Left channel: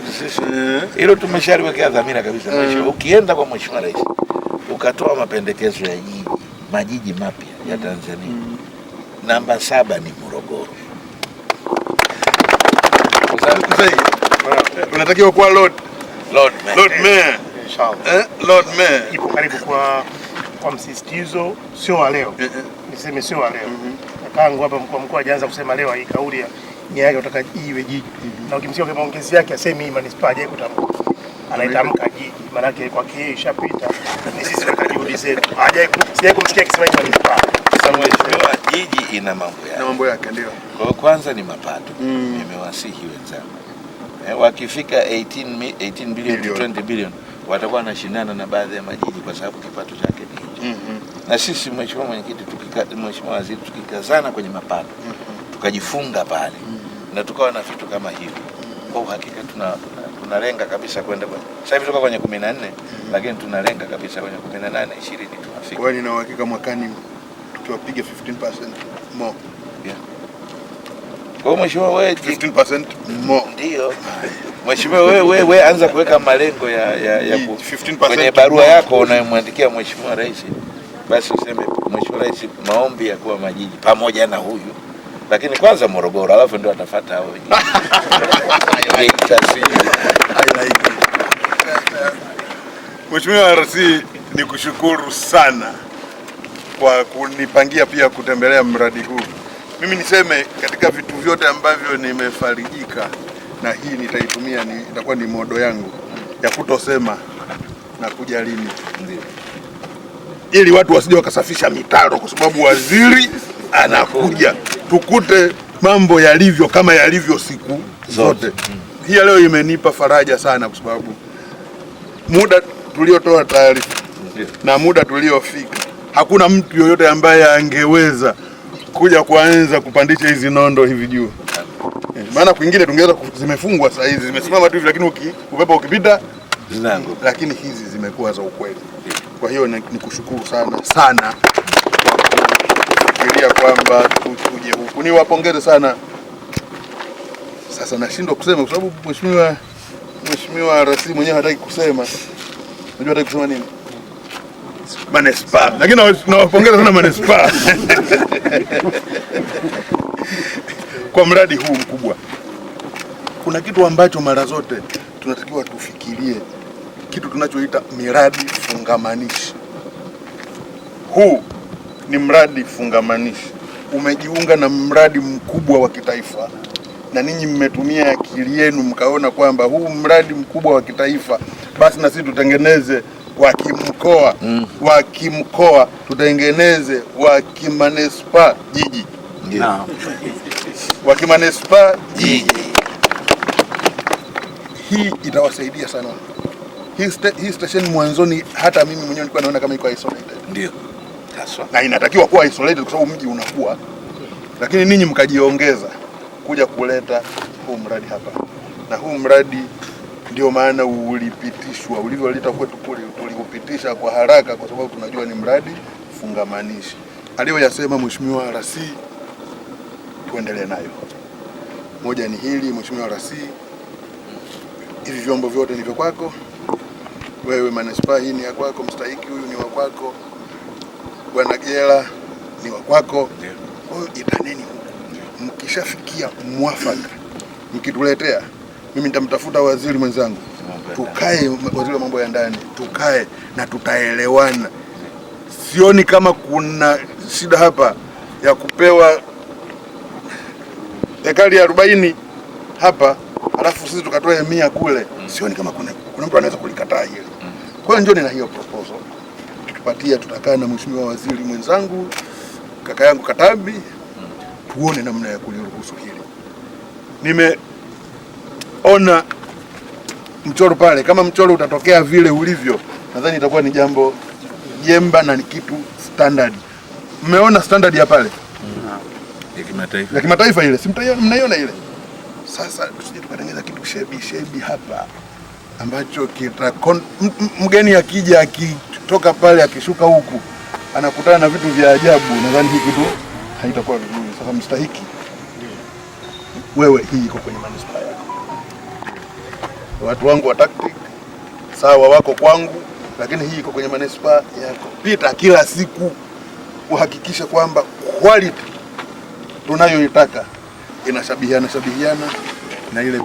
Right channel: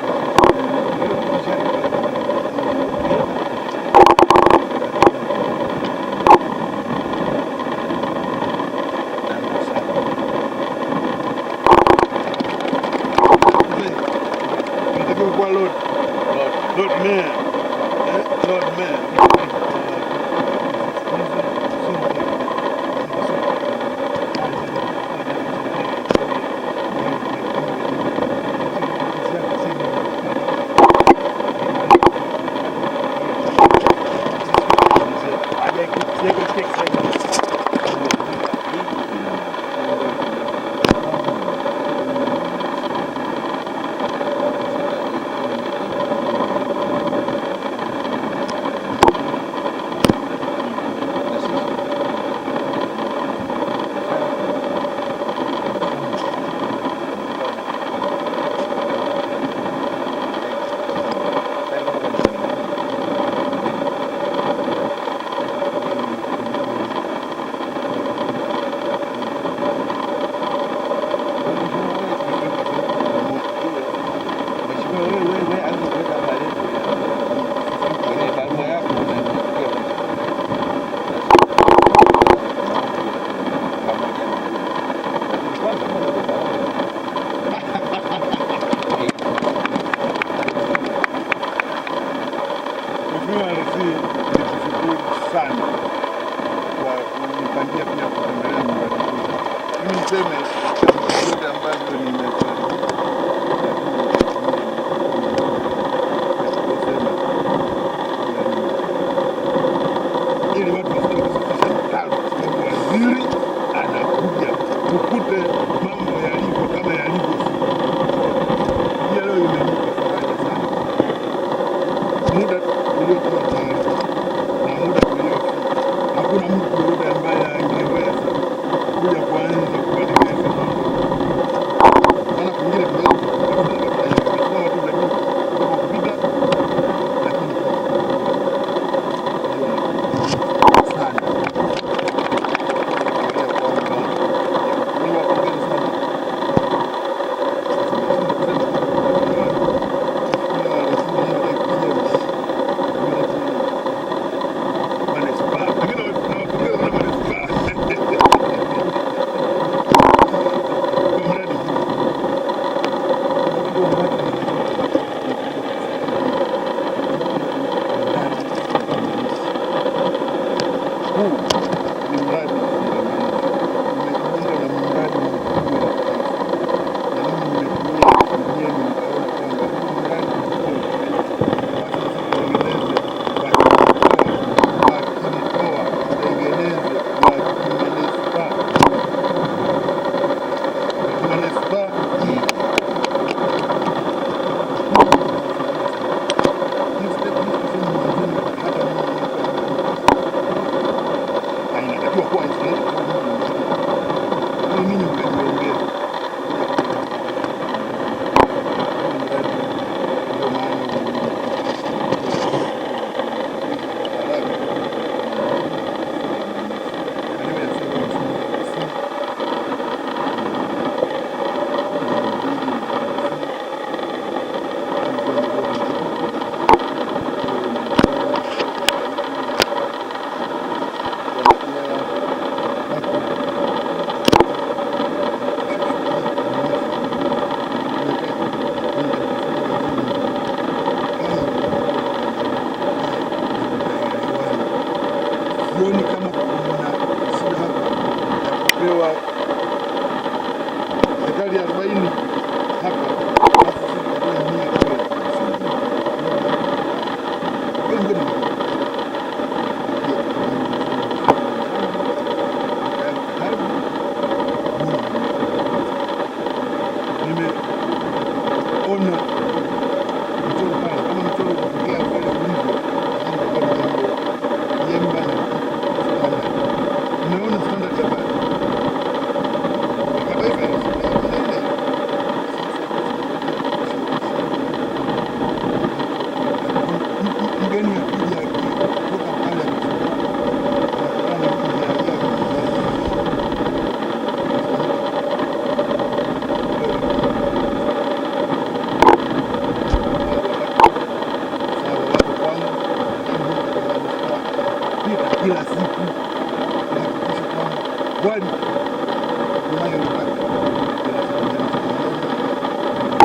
kwetu sisi. Hilo tumeshaliwekea dhamira kabisa. Ukienda kwa Mheshimiwa Rais ukatoa mapendekezo ya majiji mapya ya Tanzania, namba 7 ni Morogoro. Unatakiwa kuwa Lord Mayor. Sawa. Lord Mayor. Ipo karibu kwa msisitizo, sio wa leo. Niseme sio wa leo. Tangu hapa mkuu hajaanza kusema leo hii kauli yake kutoka iwe jiji. Na ukimsikia kwa maongezi yake asemi manispaa yake anaitamka jiji, maana yake kwa kisha pita. Sisi tunaulize sija kumsikia Kiswahili manispaa. Sasa Mheshimiwa, jiji ina mambo yake ndio. Kwa kwanza ni mapato. Nimewasihi wenzangu. Wakifika 18 bilioni 20 bilioni watakuwa wanashindana na baadhi ya majiji kwa sababu na sisi Mheshimiwa Mwenyekiti Mheshimiwa Waziri tukikazana kwenye mapato tukajifunga pale na tukawa na vitu kama hivi, kwa hakika tunalenga kabisa kwenda sasa hivi tuko kwenye 14 lakini tunalenga kabisa kwenye 18 20. Wewe ni uhakika mwakani tuwapige 15% more. Kwa Mheshimiwa wewe 15% more. Ndio. Mheshimiwa wewe anza kuweka malengo ya 15% kwenye barua yako unayomwandikia Mheshimiwa Rais. Basi sema Mheshimiwa Rais, maombi ya kwa majiji pamoja na huyu, lakini kwanza Morogoro alafu ndio anafuata hapo. Mheshimiwa RC, nikushukuru sana kwa kunipangia pia kutembelea mradi huu. Mimi niseme katika vitu vyote ambavyo nimefarijika na hii nitaitumia, itakuwa ni modo yangu ya kutosema na kujalinda, ili watu wasije wakasafisha mitaro, kwa sababu waziri anakuja tukute mambo yalivyo kama yalivyo siku zote. Hii leo imenipa faraja sana, kwa sababu muda tuliotoa taarifa na muda tuliofika hakuna mtu yoyote ambaye angeweza kuja kuanza kupandisha hizi nondo hivi juu. Maana kwingine tungeweza zimefungwa saa hizi zimesimama tu hivi, lakini upepo ukipita lakini hizi zimekuwa za ukweli. Kwa hiyo nikushukuru sana fikiria kwamba niwapongeze sana. Sasa nashindwa kusema kwa sababu Mheshimiwa RC mwenyewe hataki kusema. Ndio hataki kusema nini? Manispaa. Lakini nawapongeza sana manispaa kwa mradi huu mkubwa. Kuna kitu ambacho mara zote tunatakiwa tufikirie, kitu tunachoita miradi fungamanishi. Huu ni mradi fungamanishi, umejiunga na mradi mkubwa wa kitaifa, na ninyi mmetumia akili yenu mkaona kwamba huu mradi mkubwa wa kitaifa, basi na sisi tutengeneze wa kimkoa, wa kimkoa tutengeneze wa kimanispa jiji, wa kimanispa jiji. Hii itawasaidia sana. Hii station mwanzoni hata mimi mwenyewe nilikuwa naona kama iko isolated. Ndio. Na inatakiwa kuwa isolated kwa sababu mji unakuwa. Lakini ninyi mkajiongeza kuja kuleta huu mradi hapa. Na huu mradi ndio maana ulipitishwa, ulivyoleta kwetu kule, ulipitisha kwa haraka kwa sababu tunajua ni mradi fungamanishi. Aliyoyasema Mheshimiwa RC kuendelea nayo. Moja ni hili, Mheshimiwa RC, hivi vyombo vyote ni kwako. Wewe manispaa hii ni ya kwako, mstahiki huyu ni wa kwako, Bwana Jela ni wa kwako. Itanini mkishafikia mwafaka mkituletea, mimi nitamtafuta waziri mwenzangu, tukae, waziri wa mambo ya ndani, tukae na tutaelewana. Sioni kama kuna shida hapa ya kupewa ekari 40 hapa alafu sisi tukatoa 100 kule. Sioni kama kuna mtu anaweza kulikataa hiyo. Kwa hiyo njoni na hiyo tupatia, tutakaa na mheshimiwa waziri mwenzangu, kaka yangu Katabi, tuone namna ya kusikia. Nimeona mchoro pale, kama mchoro utatokea vile ulivyo, nadhani itakuwa ni jambo jemba na ni kitu standard. Mmeona standard ya pale ya kimataifa ile, si mnaiona ile? Sasa tusijipelekeza kitu shebi hapa ambacho mgeni akija akitoka pale akishuka huku anakutana na vitu vya ajabu. Nadhani hii kitu haitakuwa vizuri. Mstahiki wewe hii wangu wa tactic sawa, wako kwangu, lakini hii iko kwenye manispaa ya pita kila siku kuhakikisha kwamba quality tunayoitaka inashabihiana na ile